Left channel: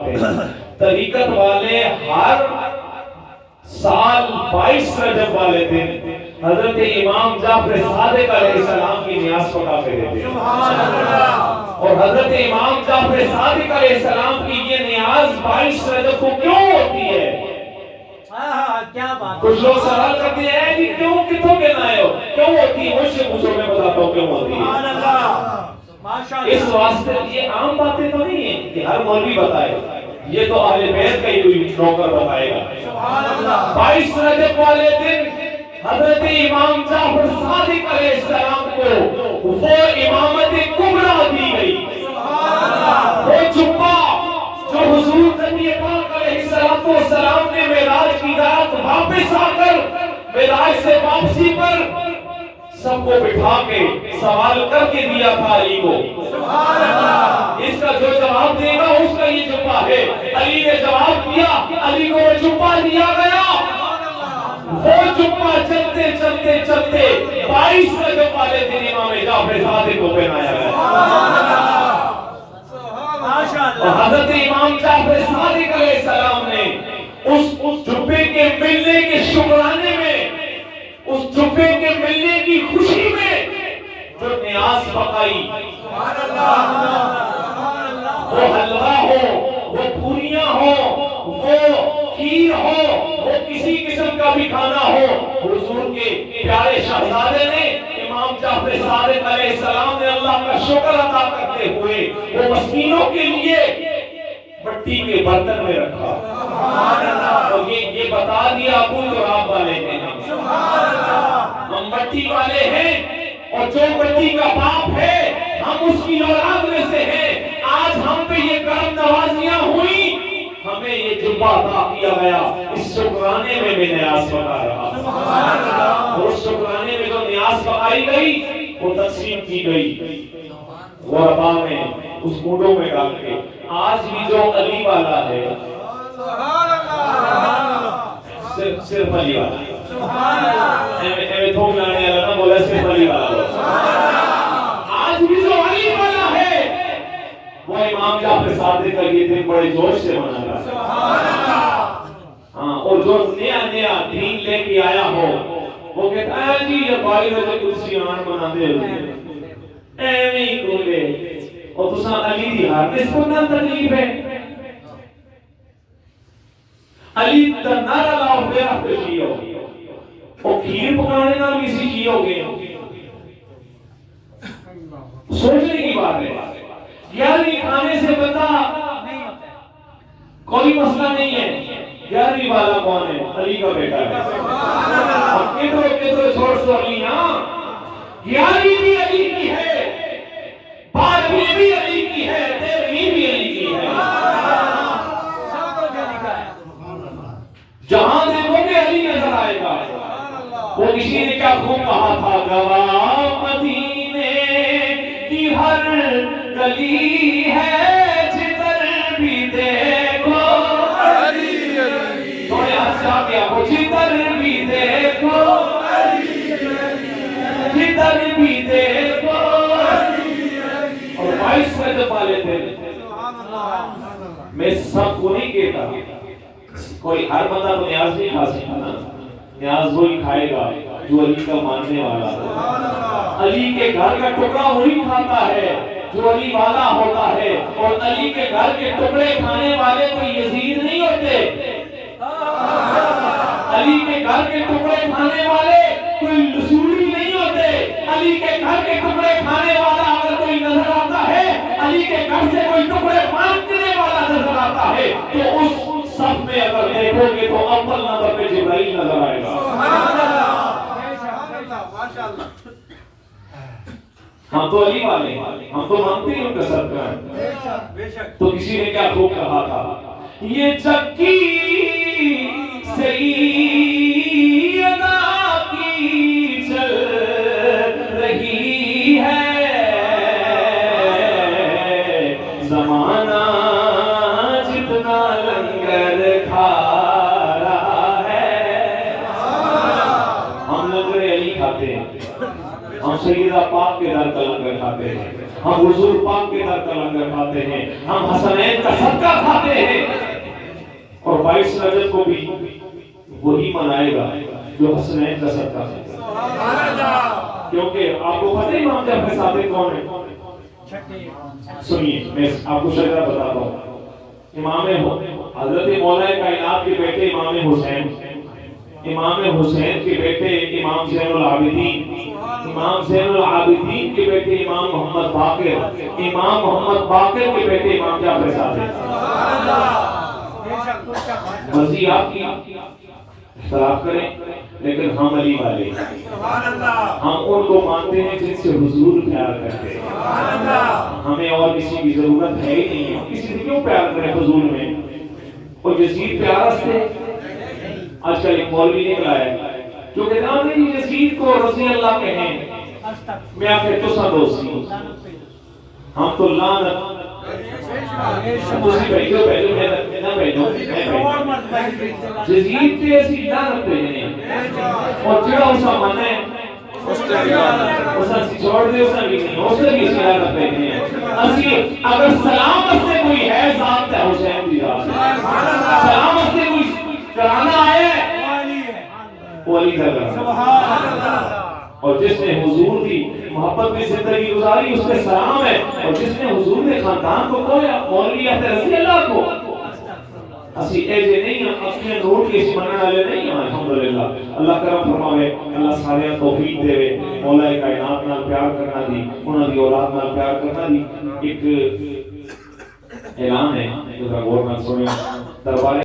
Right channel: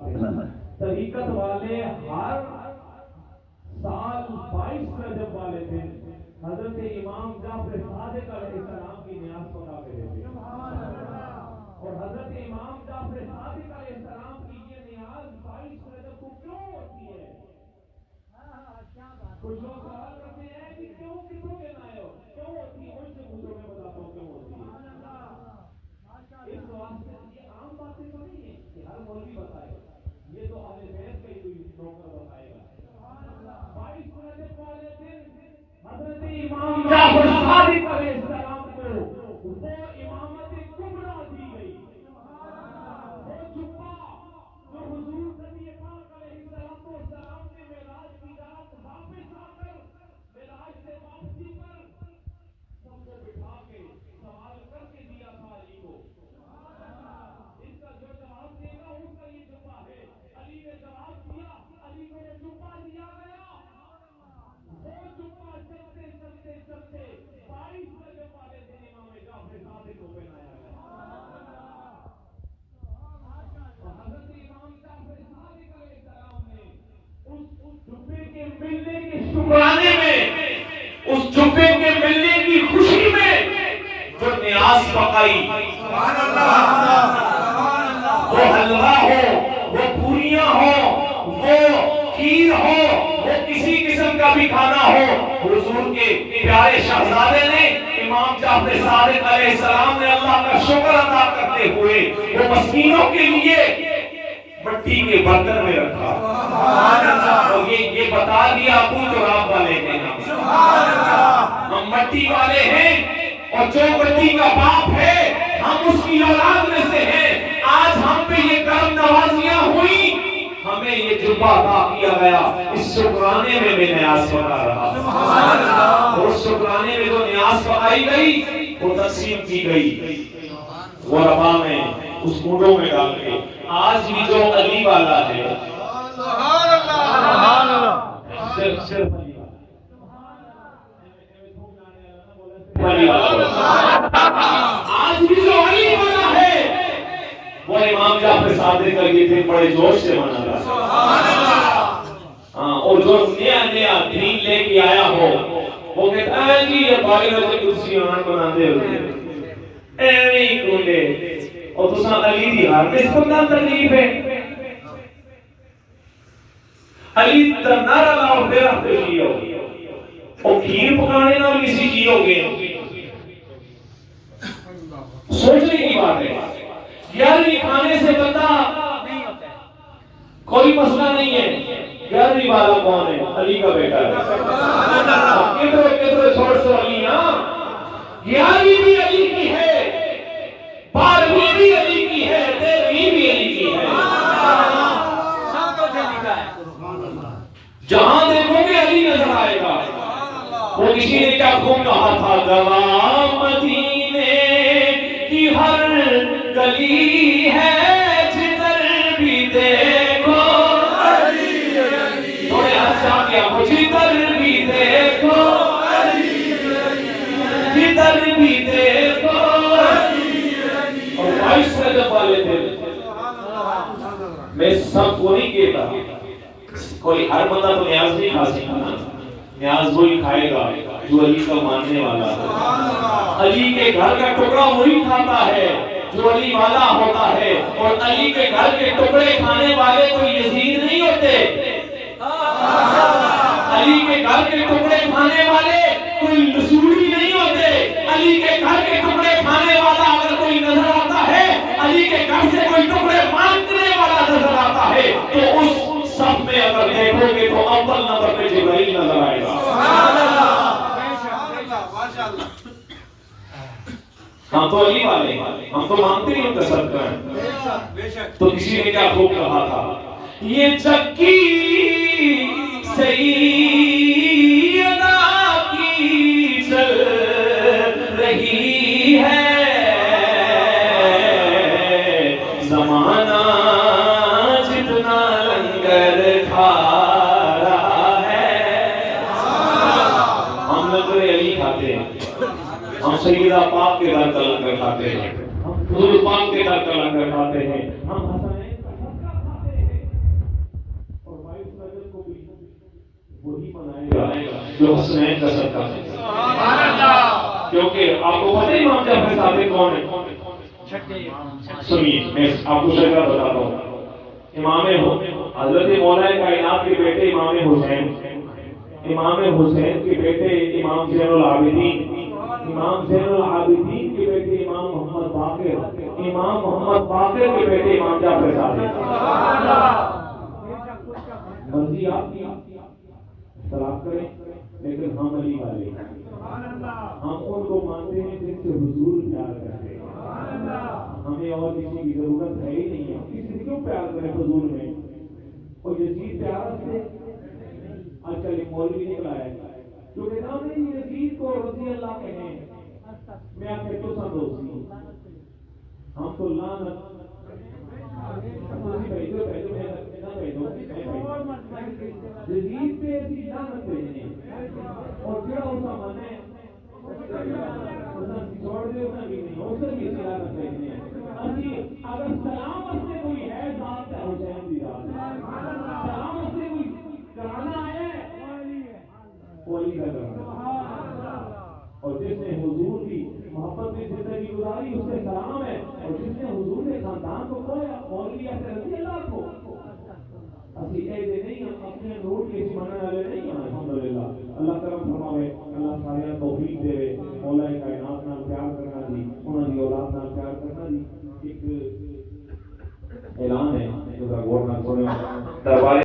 طریقت والے ہر سال 22 رجب والے دن حضرت امام جعفر صادق علیہ السلام کی نیاز پڑھا کرتے تھے. اور حضرت امام جعفر صادق علیہ السلام کی یہ نیاز 22 رجب کو کیوں ہوتی ہے؟ کچھ لوگ سوال کرتے ہیں کہ کیوں کتوں کے نائے ہو کیوں ہوتی ہے؟ مجھ سے پوچھو میں بتاتا ہوں کیوں ہوتی ہے. اس واسطے یہ عام باتیں تو نہیں ہیں کہ ہر مولوی بتائے, یہ تو اہل بیت کا ہی نوکر بتائے گا. 22 رجب والے دن حضرت امام جعفر صادق علیہ السلام کو وہ امامت کبریٰ دی گئی, وہ جبہ جو حضور نبی پاک علیہ السلام نے معراج کی رات واپس آ کر معراج سے واپسی پر سب کو بٹھا کے سوال کر کے دیا تھا علی کو. اس کا جو جواب دے گا اس کا یہ جبہ ہے. علی نے جواب دیا, علی کو وہ جبہ دیا گیا. وہ جبہ چلتے چلتے چلتے 22 رجب والے دن امام جعفر صادق کو پہنایا گیا. اور حضرت امام جعفر صادق علیہ السلام نے اس جبے کے ملنے کے شکرانے میں, اس جبے کے ملنے کی خوشی میں جو نیاز پکائی, وہ حلوہ ہو, وہ پوریاں ہو, وہ کھیر ہو, وہ کسی قسم کا بھی کھانا ہو, حضور کے پیارے شہزادے نے امام جعفر صادق علیہ السلام نے اللہ کا شکر ادا کرتے ہوئے وہ مسکینوں کے لیے مٹی کے برتن میں رکھا. اور یہ بتا دیا ابو تراب والے ہیں ہم مٹی والے ہیں, اور جو مٹی کا باپ ہے ہم اس کی اولاد میں سے ہیں. آج ہم پہ یہ کرم نوازیاں ہوئی, ہمیں یہ جبہ عطا کیا گیا. اس شکرانے میں میں نیاز پکا رہا. اور اس شکرانے میں جو نیاز پکائی گئی وہ تقسیم کی گئی غربا میں, اس مونڈوں میں ڈال کے. آج بھی جو علی والا ہے صرف علی والا, تھوک لانے والا نہ بولا, صرف علی والا. آج بھی جو علی والا ہے وہ امام جعفر صادق کا یہ دن بڑے جوش سے منا رہا. اور جو نیا نیا دین لے کے آیا ہو وہ کہتا ہے جی یہ باقی روزے کرسی آن بنا دے ہوئے ایویں ہی کھولے, اور تساں علی دی ہر نسبت نہ تکلیف ہے. علی دا نعرہ لاؤ پھر آتے کیو, اور کھیر پکانے نہ کسی کیو گے. سوچنے کی بات ہے یار, یہ کھانے سے بندہ کوئی مسئلہ نہیں ہے. 11ویں والا کون ہے؟ علی کا بیٹا ہے. کدھر چھوڑ سو علی. ہاں 11ویں بھی علی کی ہے, 12ویں بھی علی کی ہے, 13ویں بھی علی کی ہے. جہاں دیکھو گے علی نظر آئے گا. وہ کسی نے کیا خوب کہا تھا, گواہ مدینے کی ہر گلی ہے جدھر بھی دیکھو علی علی. تھوڑے ہنسا کیا وہ جدھر بھی دیکھو علی علی, جدھر بھی دیکھو علی علی. اور 22 رجب والے دن میں سب کو نہیں کہتا, کوئی ہر بندہ تو نیاز نہیں کھا سکتا نا. نیاز وہی کھائے گا جو علی کا ماننے والا ہے. علی کے گھر کا ٹکڑا وہی کھاتا ہے جو علی والا ہوتا ہے. اور علی کے گھر کے ٹکڑے کھانے والے کوئی یزید نہیں ہوتے. علی کے گھر کے ٹکڑے کھانے والے کوئی رسولی نہیں ہوتے. علی کے گھر کے ٹکڑے کھانے والا اگر کوئی نظر آتا ہے, علی کے گھر سے کوئی ٹکڑے مانگنے والا نظر آتا ہے, تو اس سب میں اگر دیکھو گے تو اول نمبر پہ جبرائیل نظر آئے گا. ہم تو علی والے ہیں, ہم تو مانتے نہیں ان کا صدقہ ہے. تو کسی نے کیا خوب کہا تھا, یہ چکی سیدہ کی چل رہی ہے, زمانہ جتنا لنگر کھا رہا ہے. ہم لنگر علی کھاتے ہیں, ہم سیدہ پاک کے در کا لنگر کھاتے ہیں. ہم حضور پاک کے در کا لنگر کھاتے ہیں، ہم حسنین کا صدقہ کھاتے ہیں، اور 22 رجب کو بھی وہی منائے گا جو حسنین کا صدقہ ہے، کیونکہ آپ کو پتہ ہے امام جعفر صادق کون ہے؟ سنیے میں آپ کو شجرہ بتاتا ہوں۔ امام حضرت مولا کائنات کے بیٹے امام حسین، امام حسین کے بیٹے امام زین العابدین، امام زین العابدین کے بیٹے امام محمد باقر، امام محمد باقر کے بیٹے امام جعفر صادق۔ مرضی آپ کی اختلاف کریں، لیکن ہم علی والے، ہم ان کو مانتے ہیں جن سے حضور پیار کرتے ہیں، ہمیں اور کسی کی ضرورت ہے ہی نہیں، ہم کسی سے کیوں پیار کریں فضول میں؟ اور یزید پیارا سے آج کل ایک مولوی نکلا ہے جو کہتا ہے یزید کو رضی اللہ کہیں، میں آپ کے تو سا دوستی ہم تو لعنت یزید پہ اسی لعنت پہ ہیں، اور جڑا اسا منے اسا سی چھوڑ دے، اسا بھی نہیں، اسا بھی اسی لعنت پہ ہیں۔ اسی اگر سلامت سے کوئی ہے ذات ہے حسین دی ذات، سلامت سے کوئی کرانا آئے وہ علی کا کرنا، اور جس نے حضور کی محبت میں زندگی گزاری اس کے سلام ہے، اور جس نے حضور نے خاندان کو کھویا مولوی احمد رضی اللہ کو، اسی ایجے نہیں ہیں، اپنے نور کی اس منن والے نہیں ہیں۔ الحمدللہ اللہ کرم فرماوے، اللہ سارے توفیق دے، مولا کائنات نال پیار کرنا دی، انہاں دی اولاد نال پیار کرنا دی۔ ایک اعلان ہے ذرا غور نال سنو، دربار